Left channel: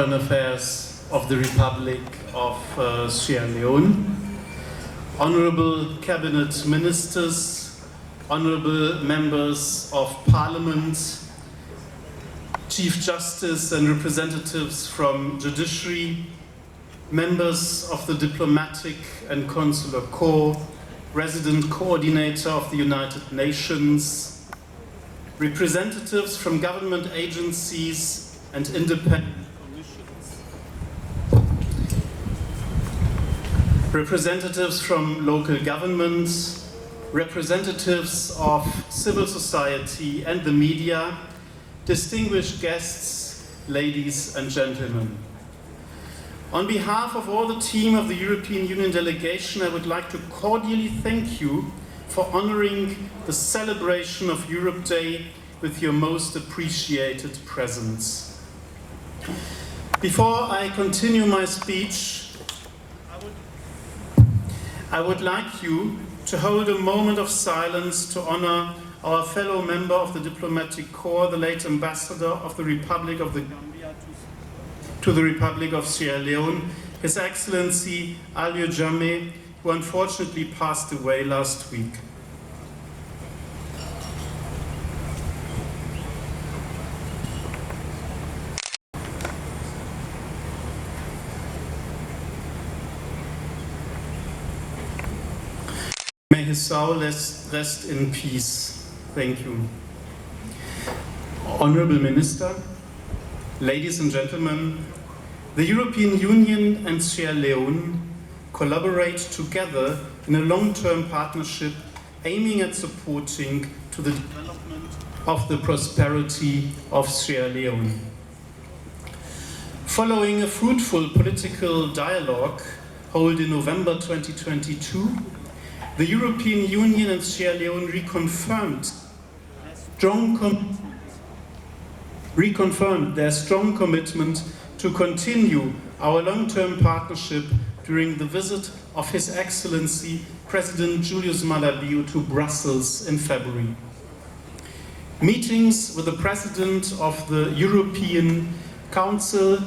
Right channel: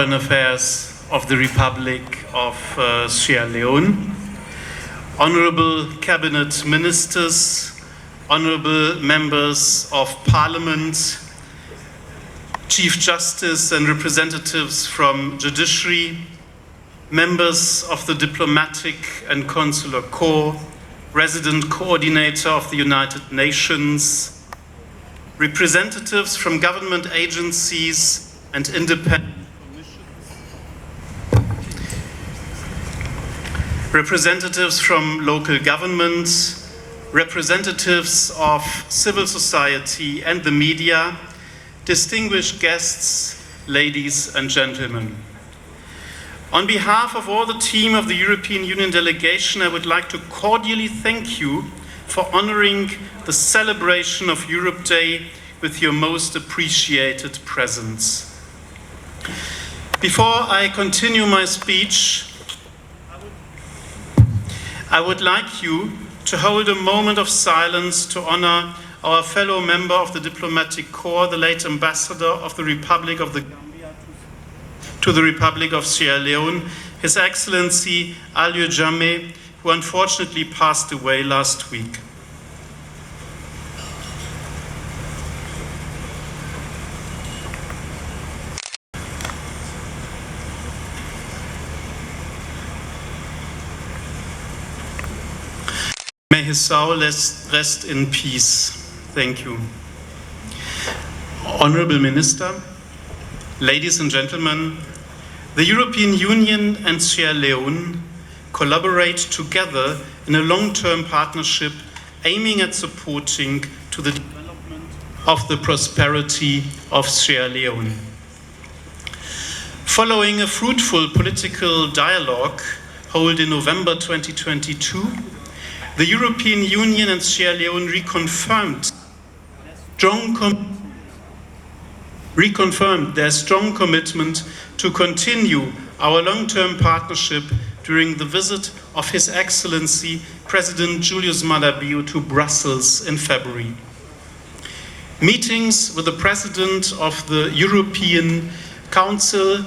Foreign Affairs of the Republic of Sierra Leone, Honorable Cabinet Ministers, Honorable Members of Parliament, Chief Justice and representatives from Judiciary, members of the Diplomatic and Consular Corps, Resident Coordinator of the United Nations, representatives from government agencies and independent commissions, representatives from local governments, representatives of civil society and the media, distinguished guests, ladies and gentlemen. On behalf of all the team of the European Union delegation, I would like to cordially thank you for honoring the celebration of Europe Day with your most appreciated presence. Before I continue my speech, I would like you to hold a moment of silence to honor our fellow member of the Diplomatic Corps, the late Ambassador of the Republic of the Gambia to the Republic of Sierra Leone, His Excellency Alieu Jammeh, who unfortunately passed away last week. May his soul rest in peace. Thank you. Honorable Minister, ladies and gentlemen, the European Union and Sierra Leone collaborate together in a long-term partnership aiming at supporting to the development of the prosperity of Sierra Leone. Following a fruitful political dialogue held in November 2022, the European Union and Sierra Leone reconfirmed their strong commitment to continue our long-term partnership during the visit of His Excellency President Julius Maada Bio to Brussels in February. Meetings with the President of the European Council,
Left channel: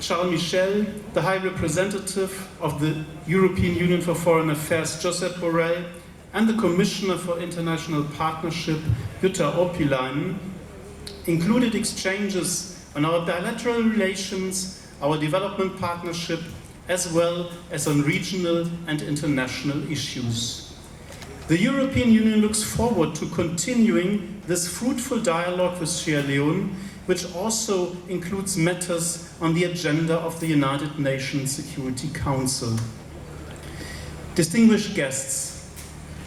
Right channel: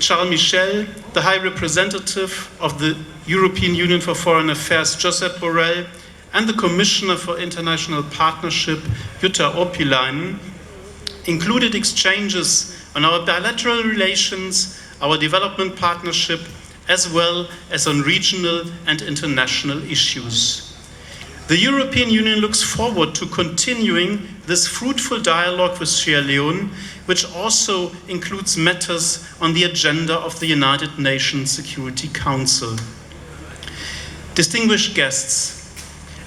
Charles Michel, the High Representative of the European Union for Foreign Affairs, Josep Borrell, and the Commissioner for International Partnership, Jutta Urpilainen, included exchanges on our bilateral relations, our development partnership, as well as on regional and international issues. The European Union looks forward to continuing this fruitful dialogue with Sierra Leone, which also includes matters on the agenda of the United Nations Security Council. Distinguished guests,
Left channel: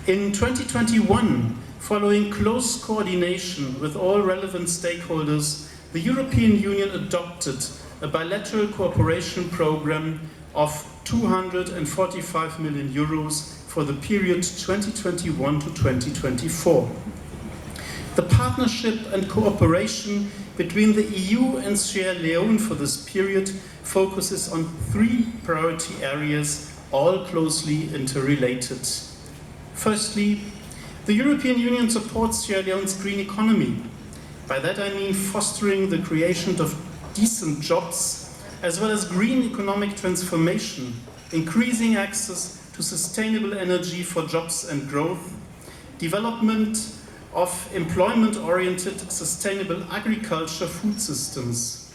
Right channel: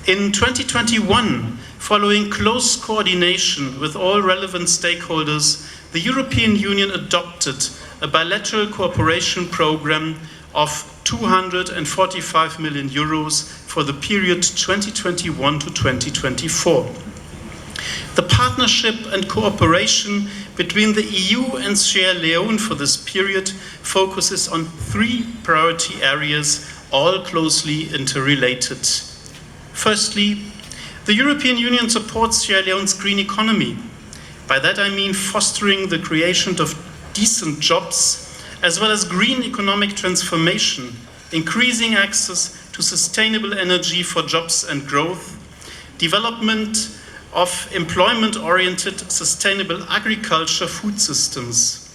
in 2021, following close coordination with all relevant stakeholders, the European Union adopted a bilateral cooperation program of 245 million euros for the period 2021 to 2024. The partnership and cooperation between the EU and Sierra Leone for this period focuses on three priority areas, all closely interrelated. Firstly, the European Union supports Sierra Leone's green economy. By that I mean fostering the creation of decent jobs, as well as green economic transformation, increasing access to sustainable energy for jobs and growth, development of employment-oriented sustainable agriculture food systems.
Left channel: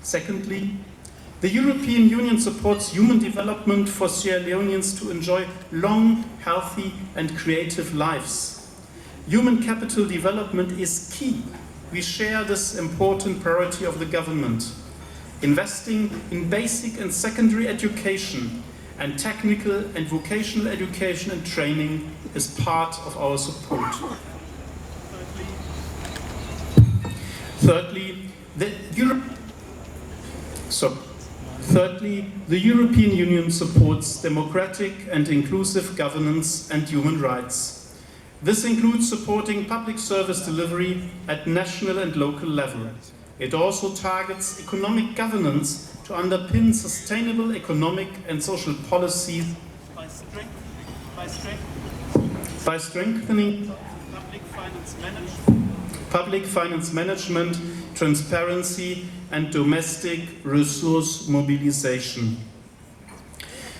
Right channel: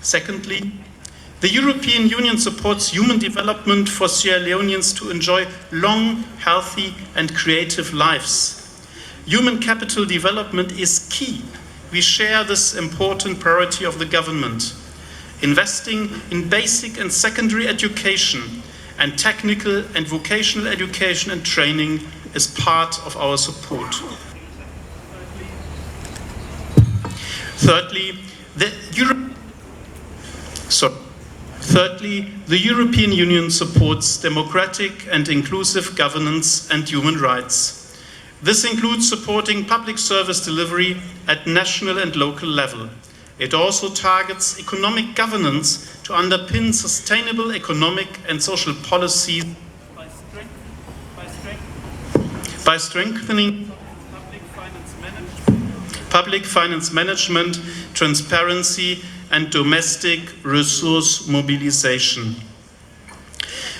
Secondly, the European Union supports human development for Sierra Leoneans to enjoy long, healthy and creative lives. Human capital development is key. We share this important priority of the government. Investing in basic and secondary education and technical and vocational education and training is part of our support. Thirdly, the European Union supports democratic and inclusive governance and human rights. This includes supporting public service delivery at national and local level. It also targets economic governance to underpin sustainable economic and social policies by strengthening public finance management, transparency, and domestic resource mobilization.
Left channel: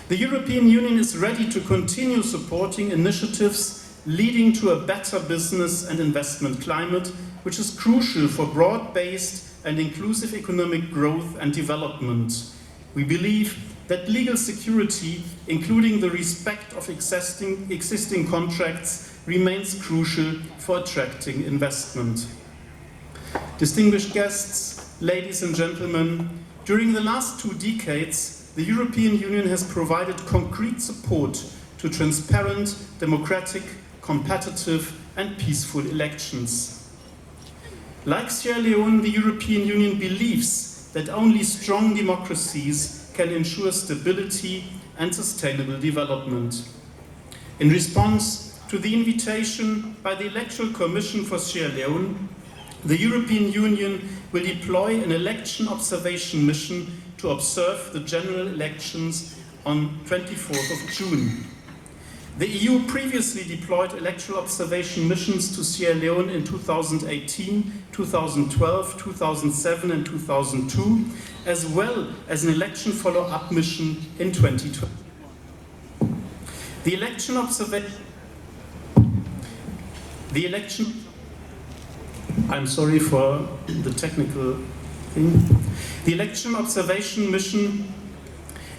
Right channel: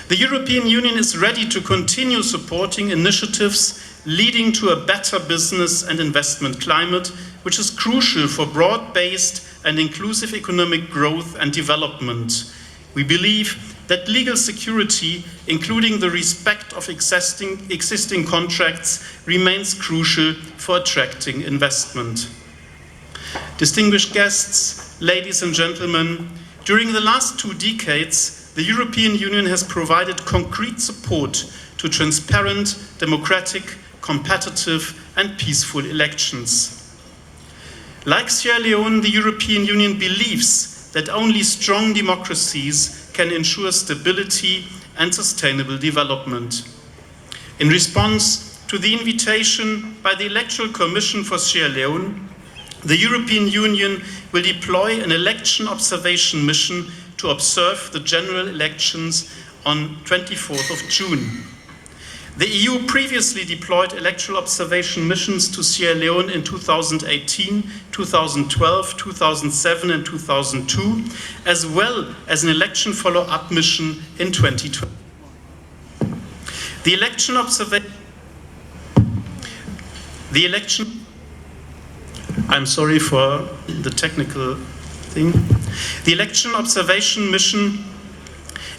The European Union is ready to continue supporting initiatives leading to a better business and investment climate, which is crucial for broad-based and inclusive economic growth and development. We believe that legal security, including the respect of existing contracts, remains crucial for attracting investment. Distinguished guests, ladies and gentlemen, during the last 2 decades, the European Union has provided concrete support to transparent, democratic, competitive and peaceful elections. Like Sierra Leone, the European Union believes that only strong democracies can ensure stability and sustainable development. In response to the invitation by the Electoral Commission for Sierra Leone, the European Union will deploy an election observation mission to observe the general elections on 24th of June. The EU previously deployed electoral observation missions to Sierra Leone in 2018, 2012, 2007 and 2002, as well as an election follow-up mission in 2020. I'm sorry for the technical thing. The election observation mission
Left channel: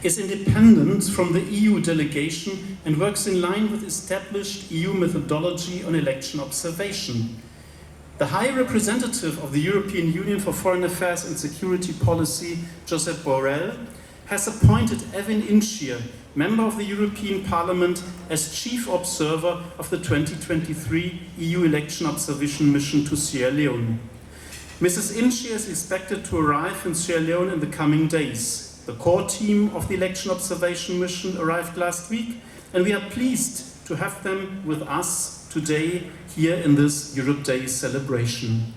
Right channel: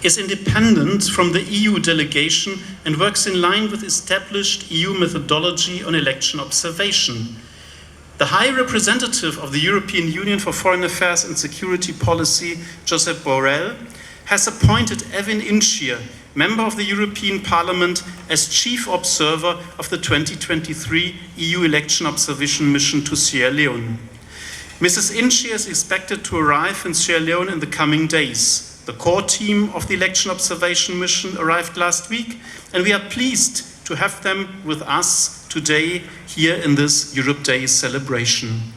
is independent from the EU delegation and works in line with established EU methodology on election observation. The High Representative of the European Union for Foreign Affairs and Security Policy, Josep Borrell, has appointed Evin Inchir, member of the European Parliament, as chief observer of the 2023 EU election observation mission to Sierra Leone. Mrs. Inchir is expected to arrive in Sierra Leone in the coming days. The core team of the election observation mission arrived last week, and we are pleased to have them with us today here in this Europe Day celebration.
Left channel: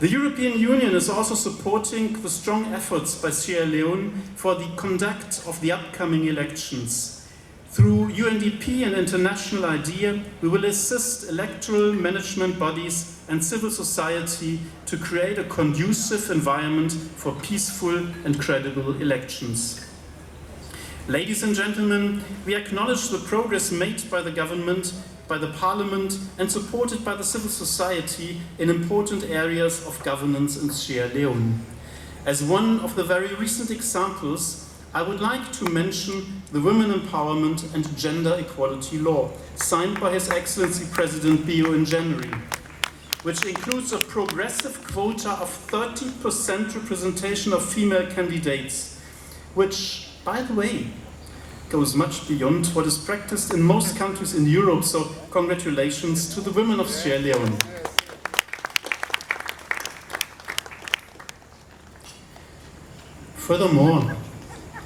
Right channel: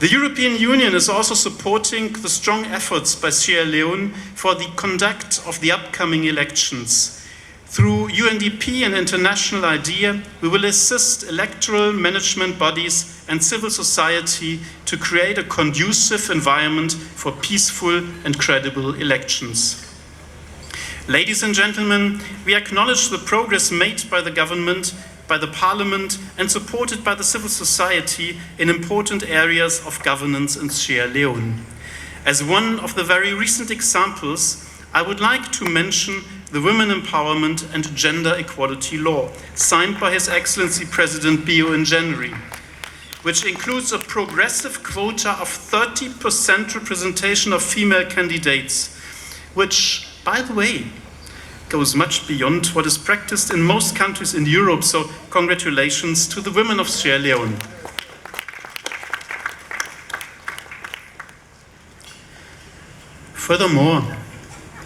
The European Union is also supporting the strong efforts by Sierra Leone for the conduct of the upcoming elections. Through UNDP and International IDEA, we will assist electoral management bodies and civil society to create a conducive environment for peaceful and credible elections. Ladies and gentlemen, we acknowledge the progress made by the government, by the Parliament and supported by the civil society in important areas of governance in Sierra Leone. As one of the very recent examples, I would like to mention the Women Empowerment and Gender Equality Law, signed by His Excellency President Bio in January, which includes a progressive quota of 30% representation of female candidates, which, by the way, goes much beyond what is practiced in most countries in Europe, so congratulations to the women of Sierra Leone. Furthermore,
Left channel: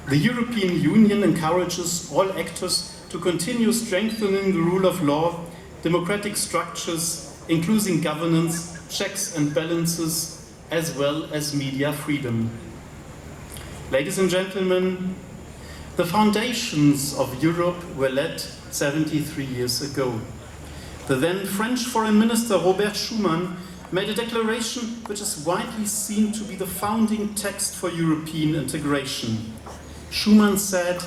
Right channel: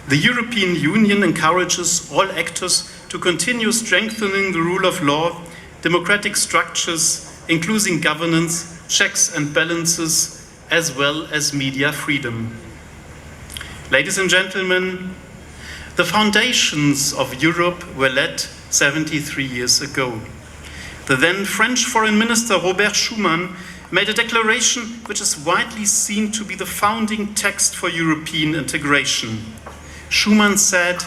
the European Union encourages all actors to continue strengthening the rule of law, democratic structures, including governance, checks and balances, as well as media freedom. Ladies and gentlemen, the foundations of Europe were laid 73 years ago. The then French Foreign Minister Robert Schuman made a declaration which is widely seen to be the founding text for European integration. Schuman said,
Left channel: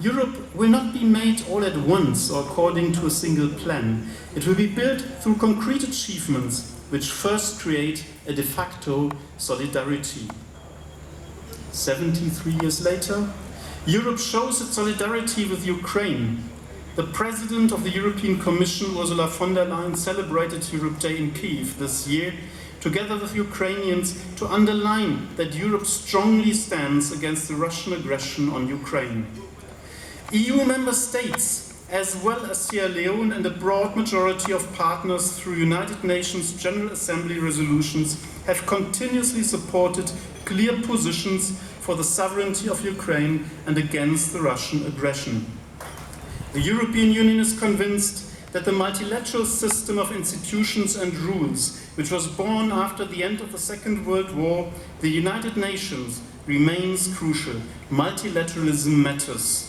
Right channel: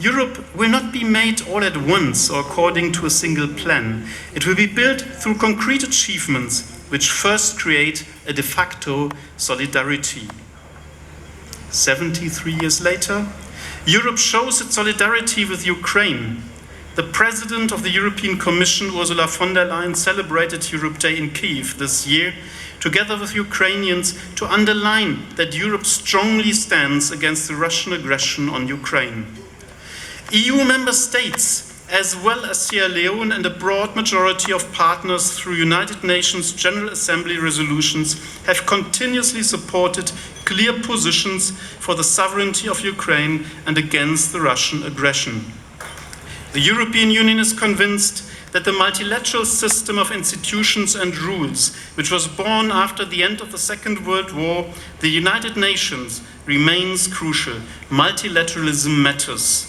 "Europe will not be made all at once or according to a single plan. It will be built through concrete achievements which first create a de facto solidarity." 73 years later, Europe shows its solidarity with Ukraine. The President of the European Commission, Ursula von der Leyen, celebrated Europe Day in Kyiv this year, together with Ukrainians, to underline that Europe strongly stands against the Russian aggression on Ukraine. EU member states, as well as Sierra Leone and a broad majority of partners through United Nations General Assembly resolutions, have continuously supported clear positions for the sovereignty of Ukraine and against the Russian aggression. The European Union is convinced that the multilateral system of institutions and rules, which was born after the end of the Second World War, the United Nations, remains crucial. Multilateralism matters.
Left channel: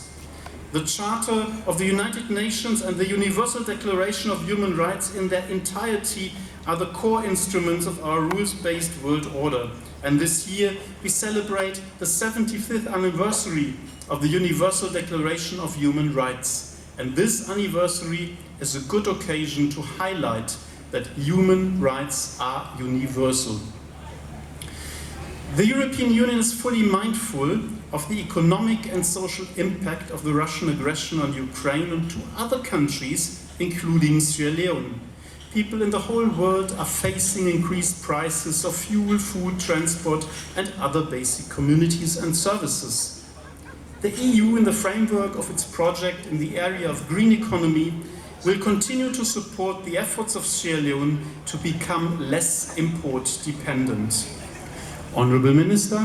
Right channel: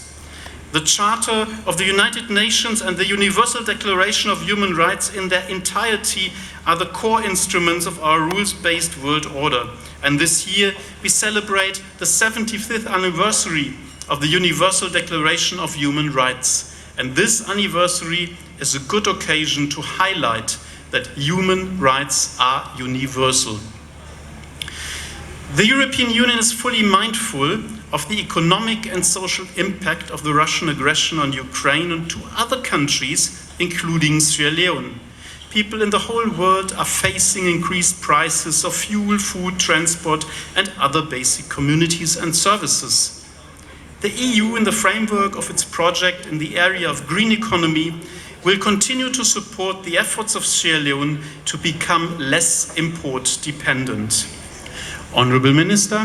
The Charter of the United Nations and the Universal Declaration of Human Rights in their entirety are the core instruments of our rules-based world order. And this year we celebrate the 75th anniversary of the Universal Declaration of Human Rights. And this anniversary is a good occasion to highlight that human rights are universal. The European Union is fully mindful of the economic and social impact of the Russian aggression on Ukraine and to other countries, including Sierra Leone. People in the whole world are facing increased prices of fuel, food, transport, and other basic commodities and services. The EU, in the framework of its project in the area of green economy, will continue to support the efforts of Sierra Leone to become less import dependent. Honourable Minister,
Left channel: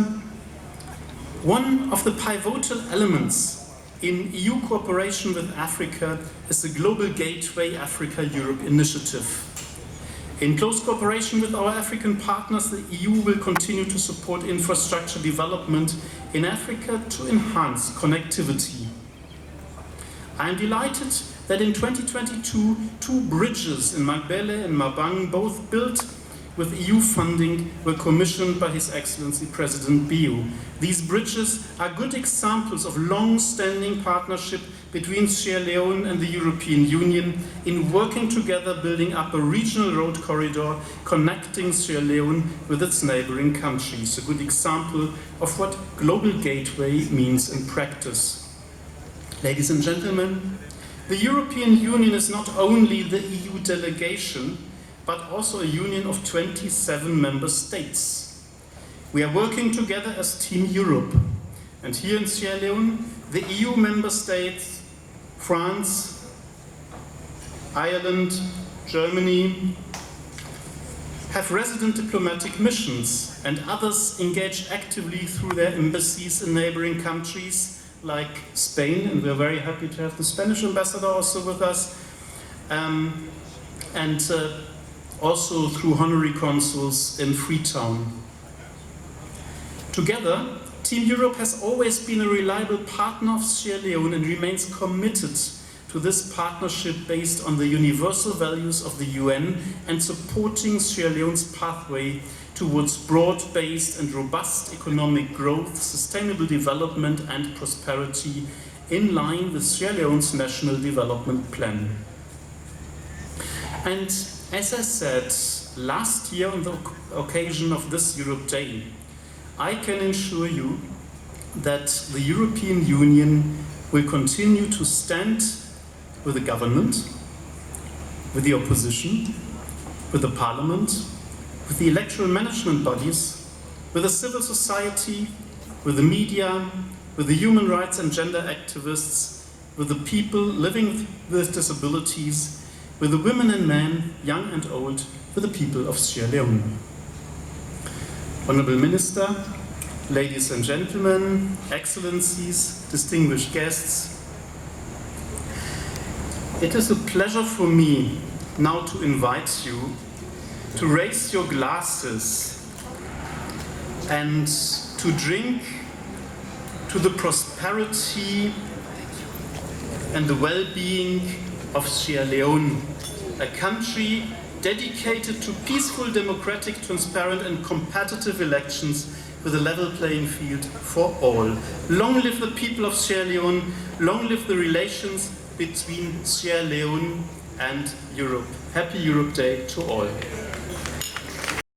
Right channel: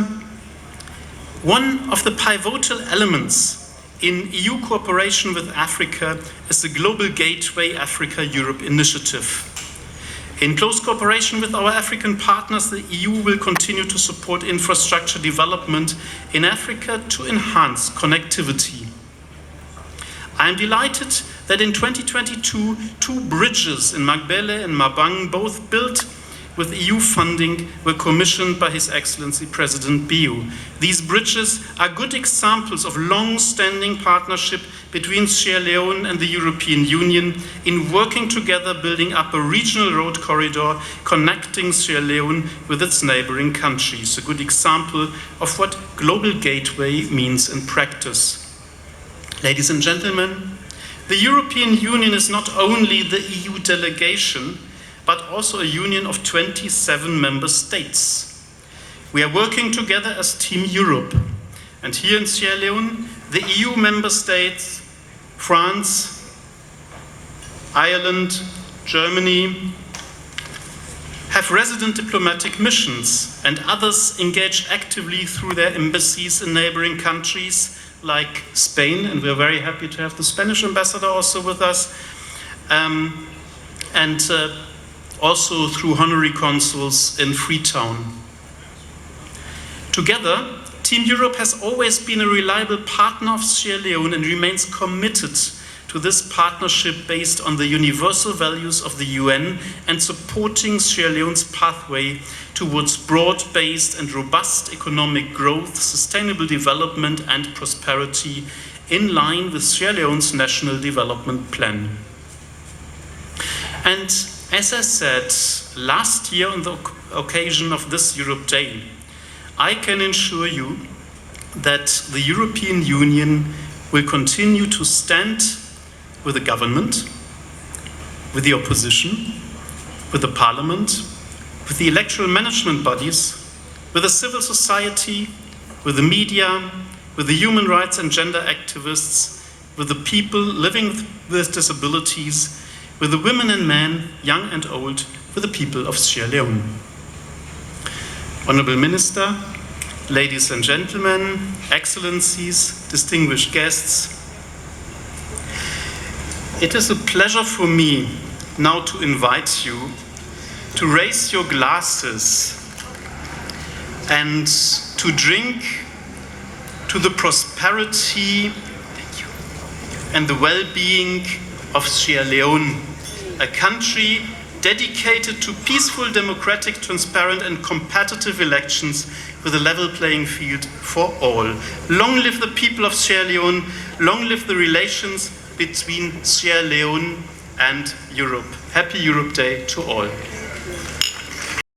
one of the pivotal elements in EU cooperation with Africa is the Global Gateway Africa-Europe initiative. In close cooperation with our African partners, the EU will continue to support infrastructure development in Africa to enhance connectivity. I am delighted that in 2022, 2 bridges in Magbele and Mabang, both built with EU funding, were commissioned by His Excellency President Bio. These bridges are good examples of long-standing partnership between Sierra Leone and the European Union in working together, building up a regional road corridor connecting Sierra Leone with its neighboring countries. A good example of what Global Gateway means in practice. Ladies and gentlemen, the European Union is not only the EU delegation, but also a union of 27 member states. We are working together as Team Europe. And here in Sierra Leone, the EU member states, France, Ireland, Germany, have resident diplomatic missions, and others engage actively through their embassies in neighboring countries like Spain, and we're very happy to have the Spanish ambassador also with us, also through honorary consuls in Freetown. Together, Team Europe has always been a reliable partner of Sierra Leone and remains committed to this partnership based on the universal values of the UN and supporting Sierra Leone's pathway towards broad-based and robust economic growth, sustainable development and prosperity in line with Sierra Leone's National Development Plan. And as I said last year on the occasion of this Europe Day, I can assure you that the European Union will continue to stand with the government, with the opposition, with the parliament, with the electoral management bodies, with the civil society, with the media, with the human rights and gender activists, with the people living with disabilities, with the women and men, young and old, with the people of Sierra Leone. Honourable Minister, ladies and gentlemen, excellencies, distinguished guests, it is a pleasure for me now to invite you to raise your glasses and to drink to the prosperity and the well-being of Sierra Leone, a country dedicated to peaceful, democratic, transparent and competitive elections with a level playing field for all. Long live the people of Sierra Leone, long live the relations between Sierra Leone and Europe. Happy Europe Day to all.